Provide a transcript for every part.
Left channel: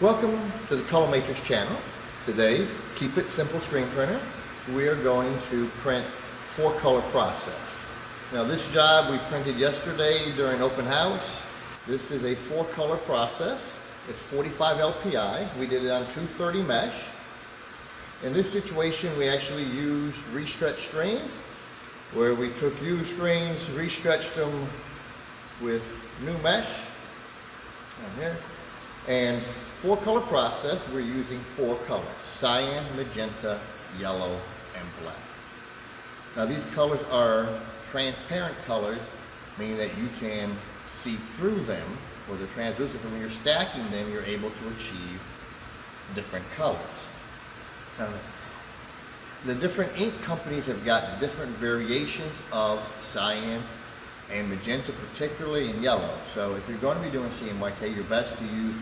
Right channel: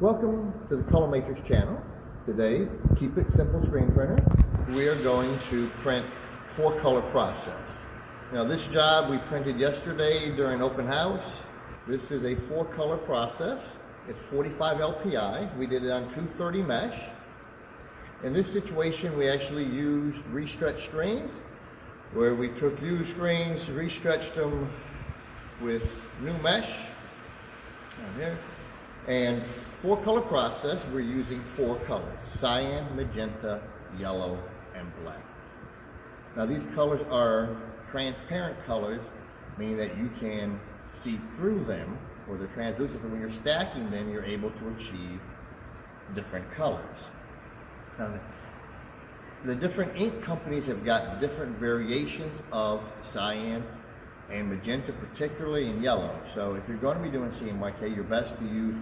Welcome to the Color Matrix channel. Today, keep it simple screen printer. We are going to print 4-color process. Now this job we printed yesterday during open house. This is a 4-color process. It's 45 LPI. We did it on 230 mesh. In this situation, we actually used restretch screens, where we took used screens, restretched them with new mesh. Down here. And 4-color process, we're using 4 colors: cyan, magenta, yellow, and black. Now these colors are transparent colors, meaning that you can see through them, or they're translucent, and when you're stacking them, you're able to achieve different colors. The different ink companies have got different variations of cyan and magenta, particularly in yellow. So if you're going to be doing CMYK, you're best to use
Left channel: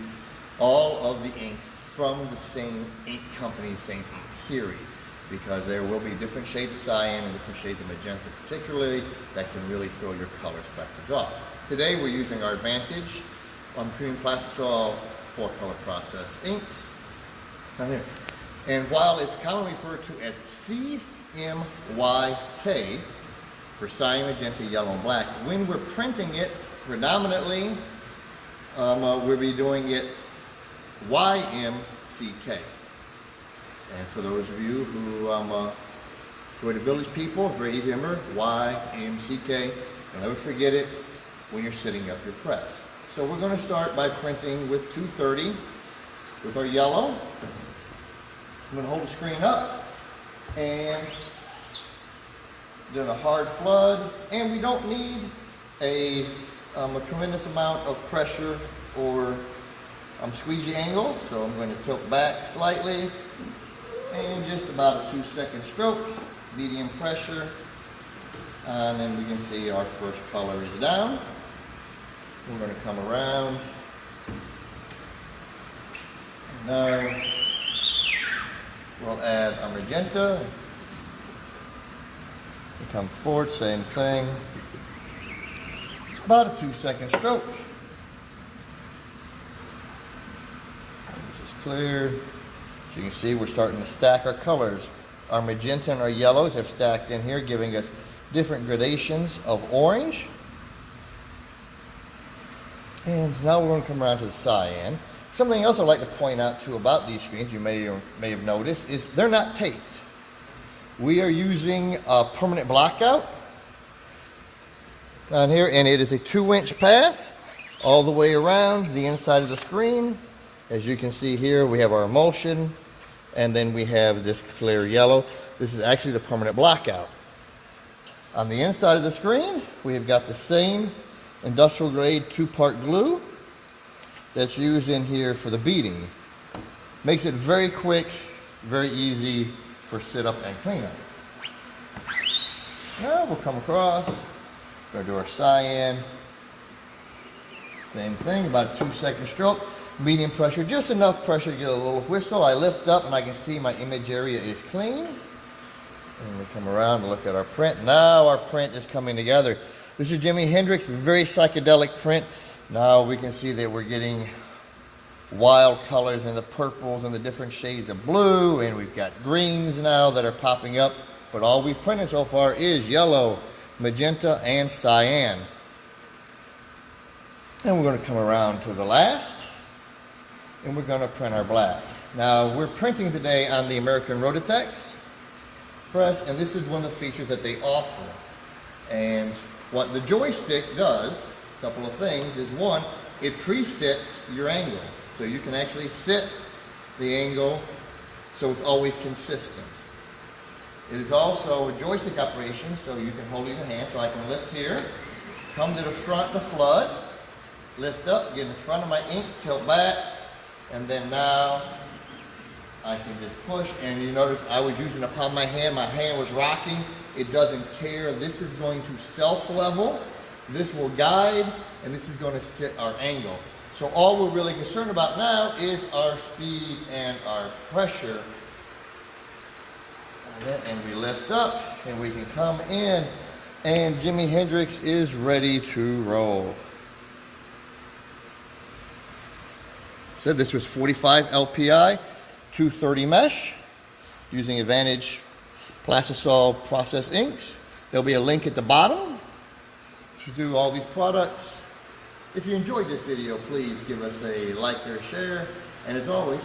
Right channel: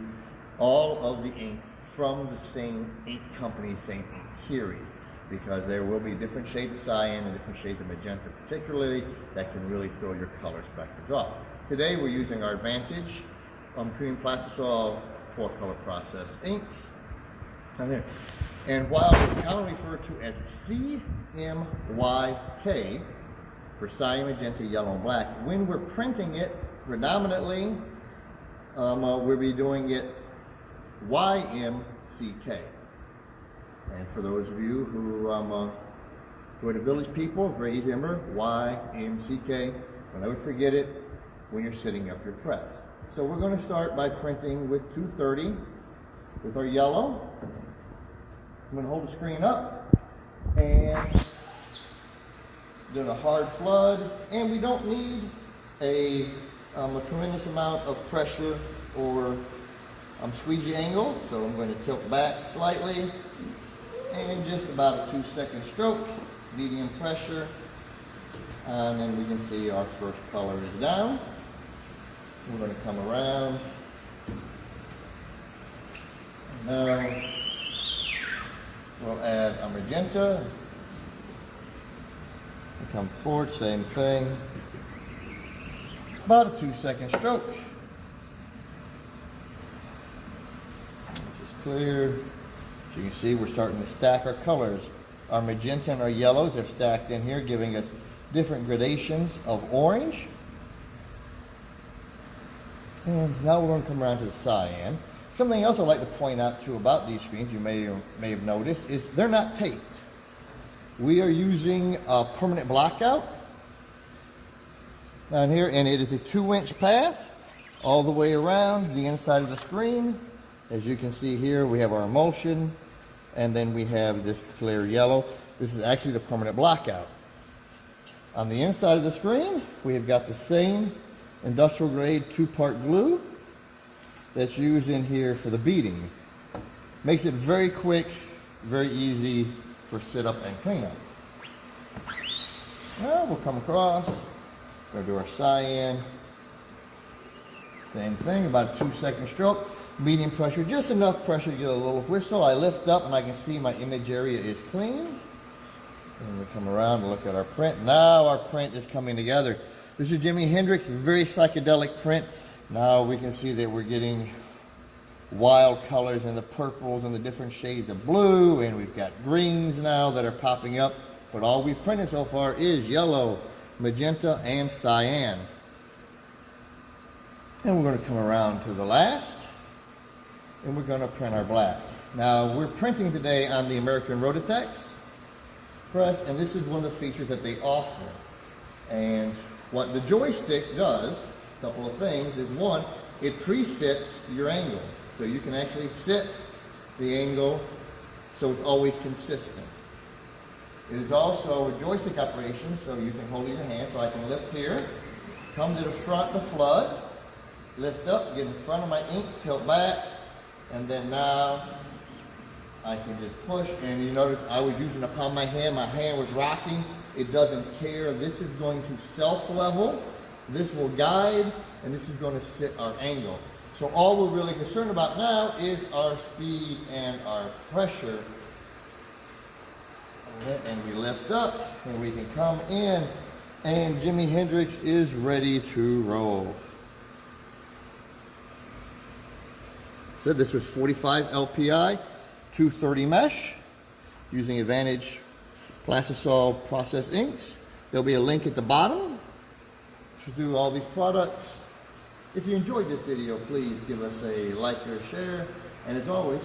all of the inks from the same ink company, same ink series, because there will be different shades of cyan and different shades of magenta, particularly, that can really throw your color spectrums off. Today we're using our Advantage Premium Plastisol 4-color process inks. And while it's commonly referred to as CMYK, for cyan, magenta, yellow, and black, when we're printing it predominantly, we'll be doing it YMCK. And for those of you who enjoy the Village People, very easy to remember, YMCK. Don't ever forget it when you're setting up your press. So we're going to start by printing with 230 with our yellow. I'm going to hold the screen up and doing a hard flood, and we don't need a tremendous amount of pressure or squeegee angle, so I'm going to tilt back slightly and just about a 2-second stroke, medium pressure, and then we can see our first color is down. We're going to come around, and now we'll add our magenta. We come forward, same thing, about a 2-second stroke. This is cleared. So you can see we're starting to stack our colors. Our magenta and our yellows have stacked in here, giving us different gradations of orange. And now we're going to come around to the cyan. Something else I'd like to point out too about these screens, you may have noticed, is they're not taped. We are using a permanent blockout on here, and it is a 2-inch path all the way around the inside of the screen. As you can see here, we have our emulsion, and then we have this clear yellow. This is actually the permanent blockout. On the inside of the screen, we have got the same industrial grade 2-part glue that's used in here for the beading. Makes it very quick, very easy for sit up and cleanup. Now we'll come across, go do our cyan. Same thing, about a 2-second stroke. Medium pressure, just enough pressure to get a little whistle. I lift up and I can see my image area is clean. And we come around to look at our print. Now our print is coming together. This is Jimi Hendrix, very psychedelic print. Now we can see that we're getting wild colors and the purples and the different shades of blue, and we've got greens now that are popping up. But all we've printed so far is yellow, magenta, and cyan. And we're going to come around to the last, and we're going to print our black. Now we're printing today on the American Rotitex press, and this is one of the features that they offer. And what the joystick does, a couple of things, is one, it presets your angle. So you can actually set the angle so it's always consistent. It is also a joystick operation, so you can hold it in your hand. So I can lift here, come to the front of the flood, lift up, get in front of my ink, tilt back, and then now I can just push. And you notice I was using the palm of my hand was rocking. It doesn't care. This is going to self-level, this will guide, and this is going to set our angle. So all we're really concerned about now is our speed and our pressure. And we lift up, and we can come in, and Jimi Hendrix is ready to roll. said, this was 45 LPI, 230 mesh, using Advantage Plastisol process inks. There'll be a link at the bottom to do all these products. If you enjoyed this video, please give us a like or share. And as always,